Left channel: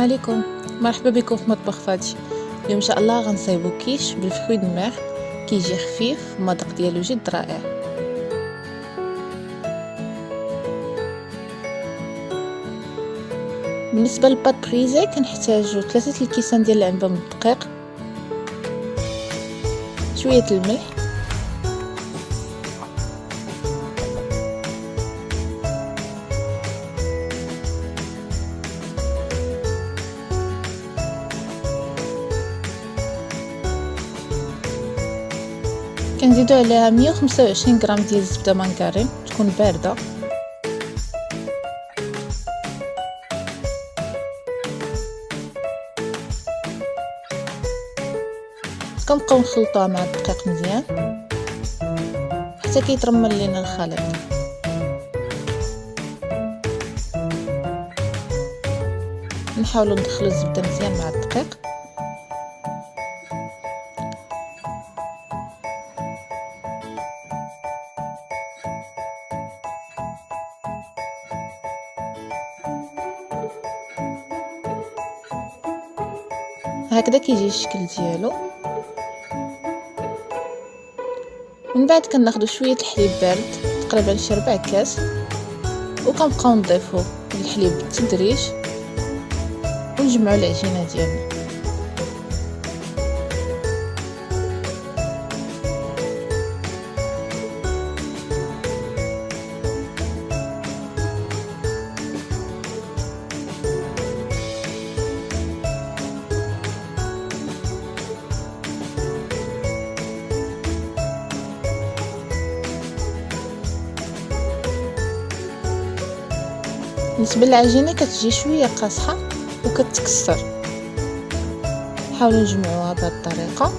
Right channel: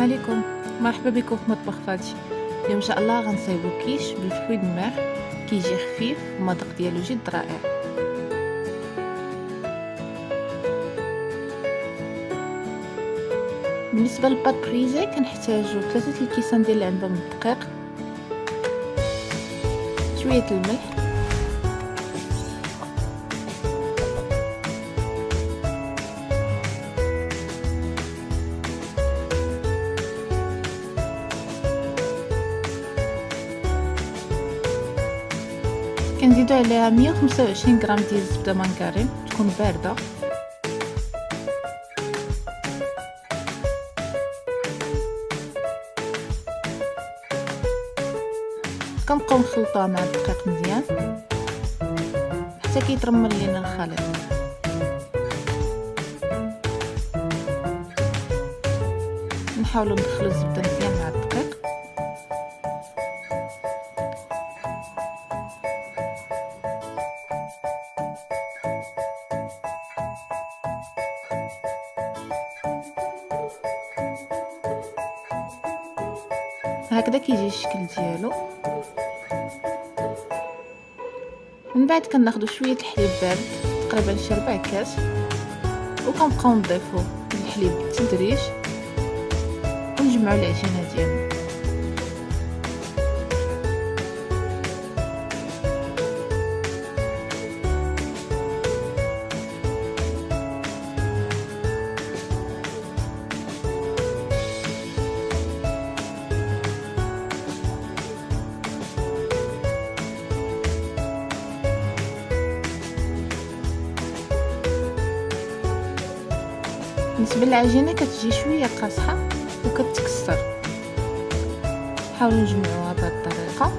عليكم. مرحبا بكم في مطبخ فاتي. اليوم ان شاء الله غنصايبو كيش بالفخوي د الميغ، كيجي خفيف والمذاق ديالو جد رائع. بالنسبه للباط بريزي كنحتاجو 3 الكيسان ديال العنبه من الدقيق، شويه الملح، كنزيدو عليها 125 غرام ديال الزبده مانكارين تكون بارده، كنبقاو نخلطوها مع الدقيق مزيان حتى كيترمل لينا الخليط. نحاولوا ندخلوا الزبده مزيان مع الدقيق. هكذا كيجي الشكل ديالو. من بعد كناخذوا شويه الحليب بارد تقريبا شي 4 كاس، وكنبقاو نضيفوا الحليب بالتدريج ونجمعوا العجينه ديالنا. بالنسبه للعجينه كتجي شويه قاصحه وكتكسر، حاولوا نجمعوها بهذه الطريقه.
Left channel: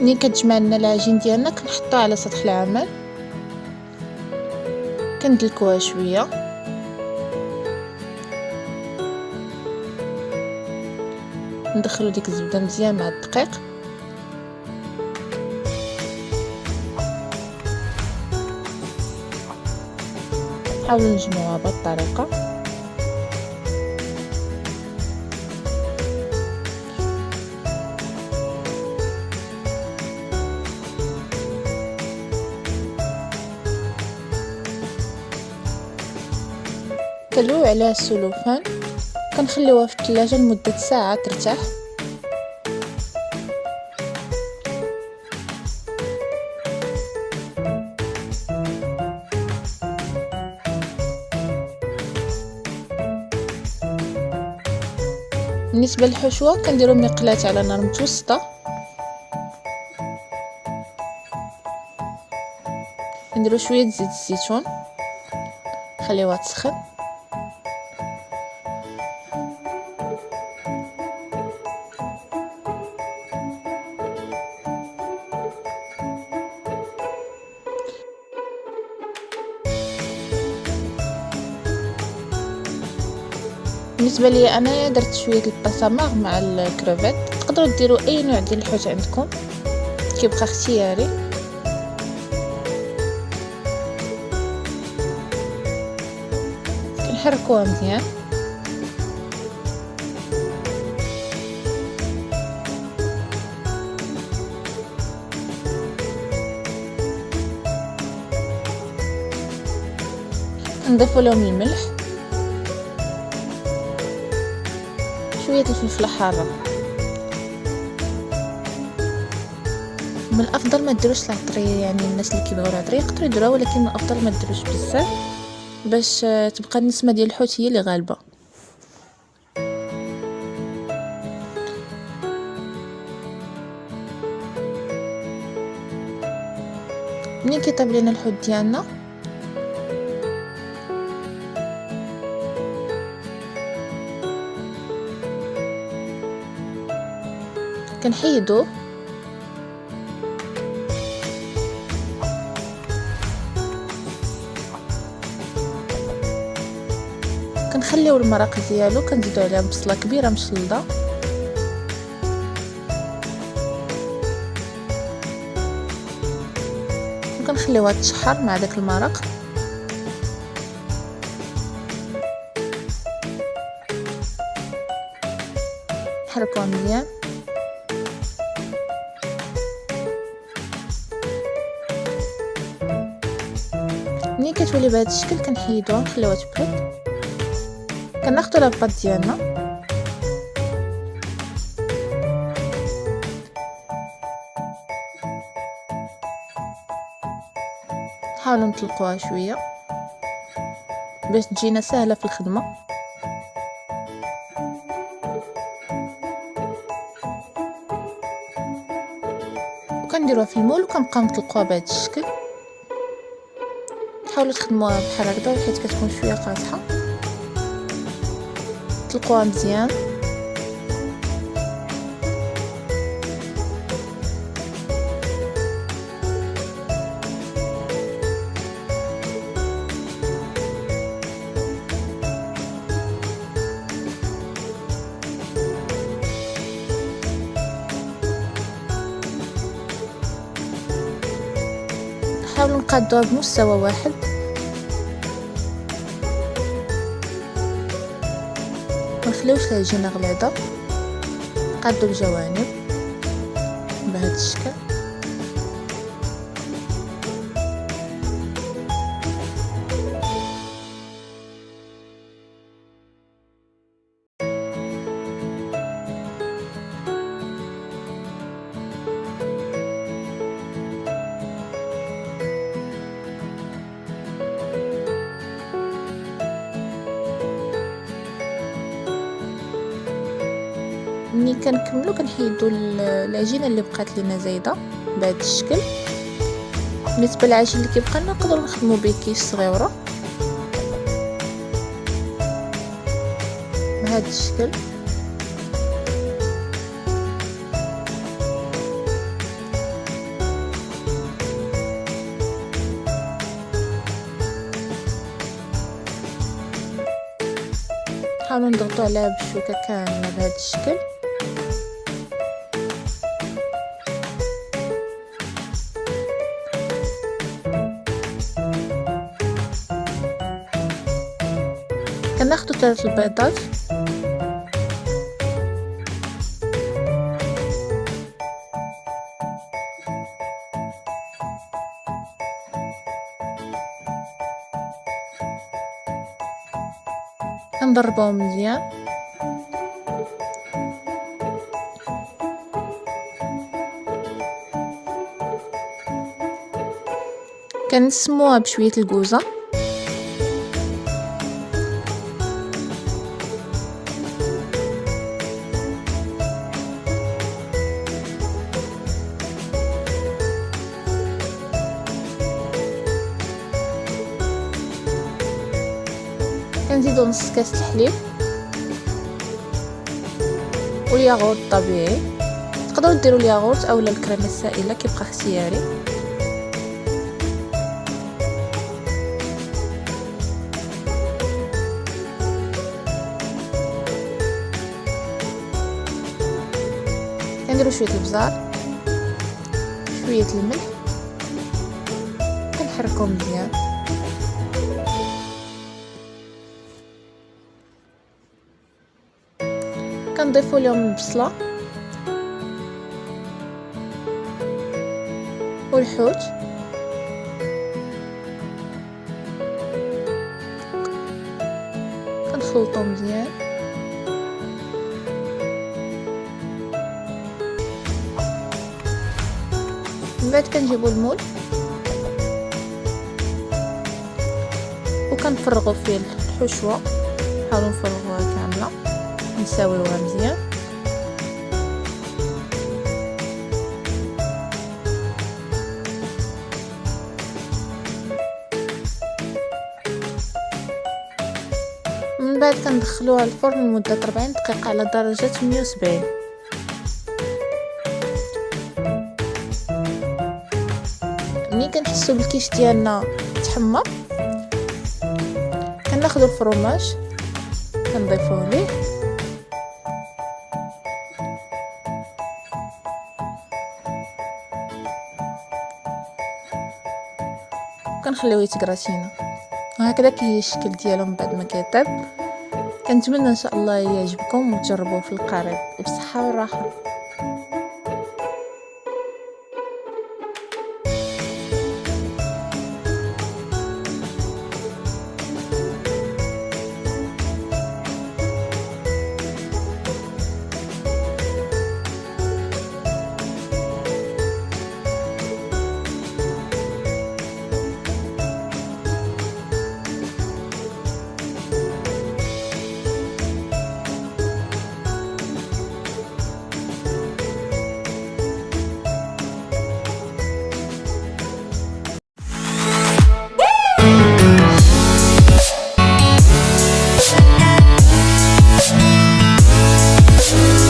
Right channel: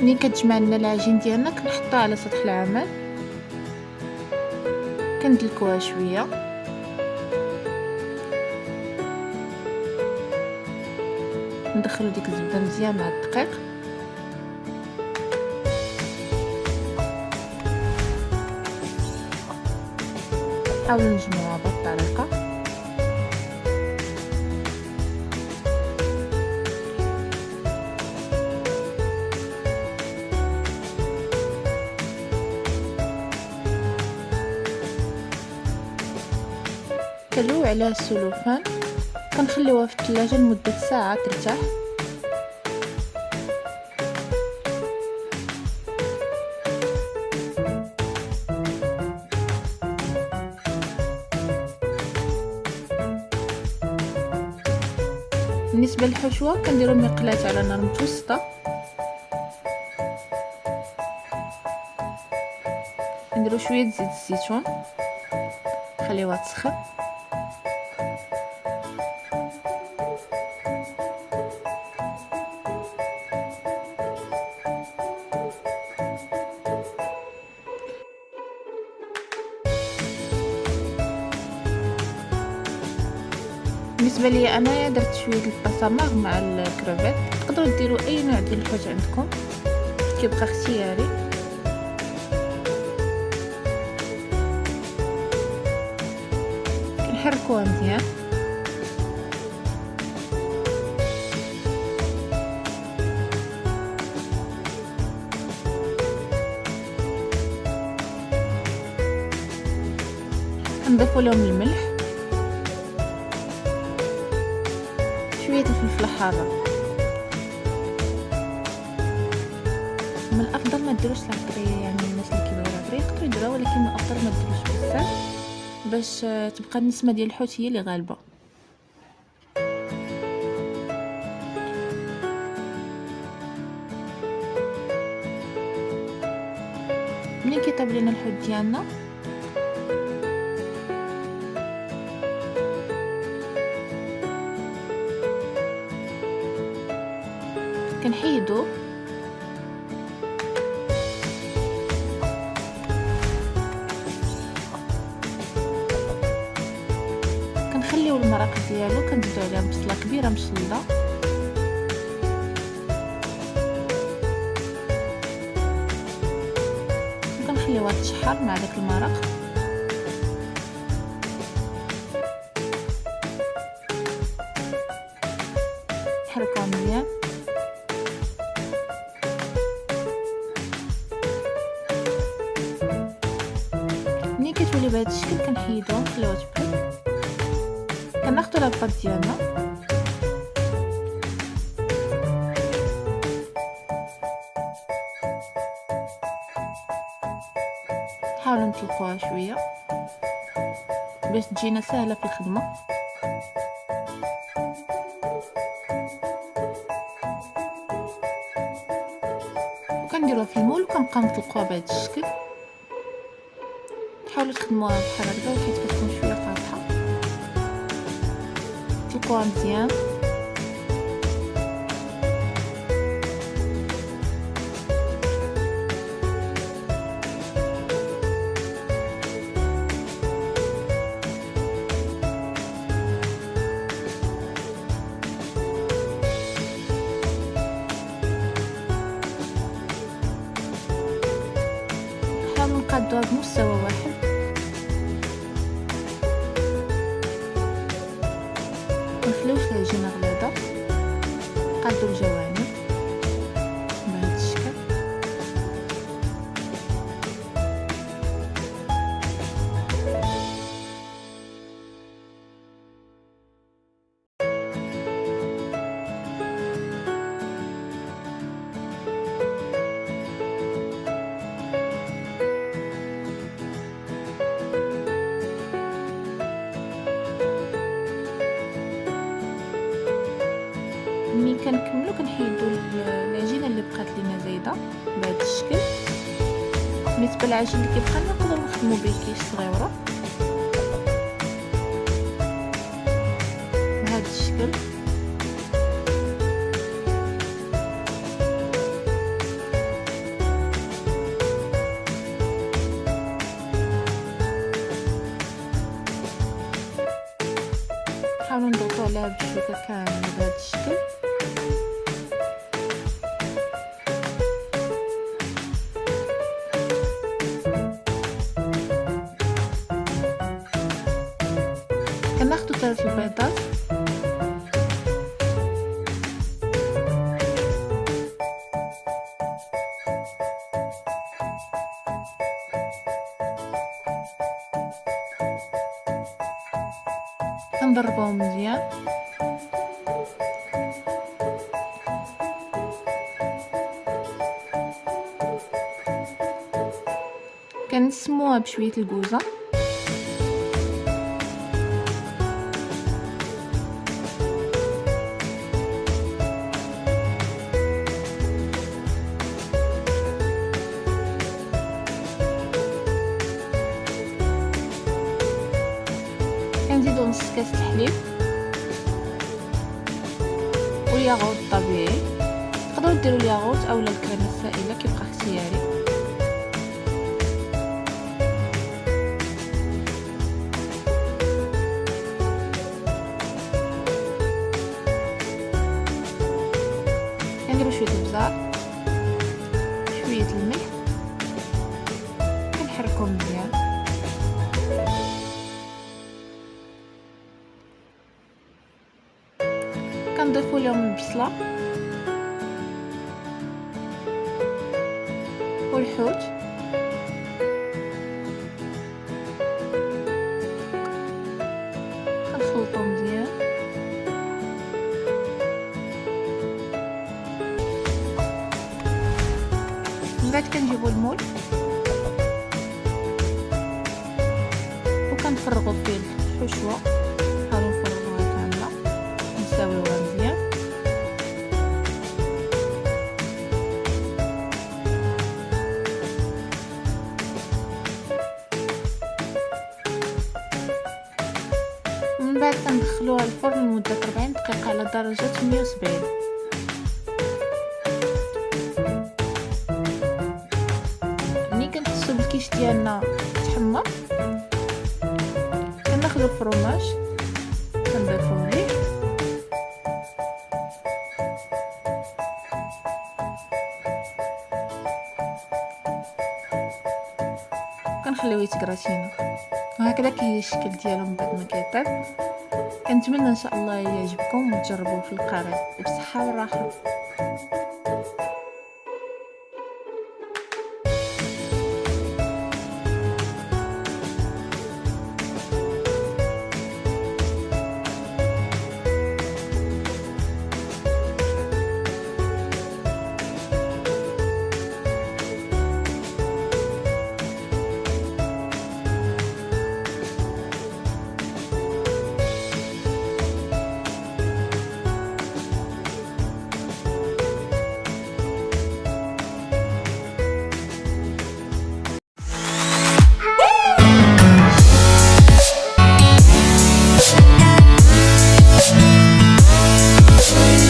ملي كتجمع لنا العجين ديالنا كنحطوها على سطح العمل، كندلكوها شويه، ندخلوا ديك الزبده مزيان مع الدقيق، حاولوا نجمعوها بهذه الطريقه. كنلويو عليها السلوفان، كنخليوها في الثلاجه لمده ساعه ترتاح. بالنسبه للحشوه كنديروا مقلاة على نار متوسطه، نديروا شويه زيت الزيتون، خليوها تسخن، بالنسبه لي انا درت شويه البصماغ مع الكروفيت. تقدروا ديروا اي نوع ديال الحوت عندكم، كيبقى اختياري. كنحركوها مزيان، نضيفوا لهم الملح، شويه الفلفل الحاره. من الافضل ما ديروش العطريه، يعني الناس اللي كيبغيو العطريه يقدروا يديروها، ولكن من الافضل ما ديروش بزاف باش تبقى النسمه ديال الحوت هي اللي غالبه. ملي كيطيب لنا الحوت ديالنا كنحيدو كنخليو المرق ديالو، كنزيدو عليه بصله كبيره مشلده وكنخليوها تشحر مع داك المرق. نحركوها مزيان. ملي كتولي بهذا الشكل كنحيدوها نخليوها تبرد. كناخدو لاباط ديالنا نحاولوا نطلقوها شويه باش تجينا سهله في الخدمه. وكنديروها في المول وكنبقاو نطلقوها بهذا الشكل. حاولوا تخدموها بحال هكذا حيت كتكون شويه قاصحه. طلقوها مزيان. نحاولوا نقادوها بمستوى واحد. منخليوش العجينه غليظه. نقادو الجوانب بهذا الشكل. ملي كنكملو كنحيدو العجينه اللي بقات لينا زايده بهذا الشكل. بالنسبه للعجين اللي كيبقى لنا نقدروا نخدموا به كيس صغيره بهذا الشكل. نحاولوا نضغطوا عليها بالشوكه كامله بهذا الشكل. كناخدو 3 البيضات كنضربوهم مزيان. كنسموها بشويه الكوزه. كنزيدو نص كاس الحليب والياغورت الطبيعي. تقدروا ديروا الياغورت اولا الكريمه السائله كيبقى اختياري. كنديروا شويه البزار شويه الملح كنحركوهم مزيان. كنضيفوا لهم البصله والحوت كنخلطو مزيان. من بعد كنجيبو المول وكنفرغوا فيه الحشوه. نحاولوا نفرغوها كامله نساويوها مزيان. من بعد كندخلوها الفرن لمده 40 دقيقه على درجه 170. ملي كنحسوا بالكيش ديالنا تحمر كناخذوا الفرماج كنضيفوه ليه وكنخليوه يتكراتينا. وهكذا كاين الشكل ديالو من بعد ما كيطيب. كنتمنى ان شاء الله يعجبكم وتجربوه في القريب وبصحه والراحه.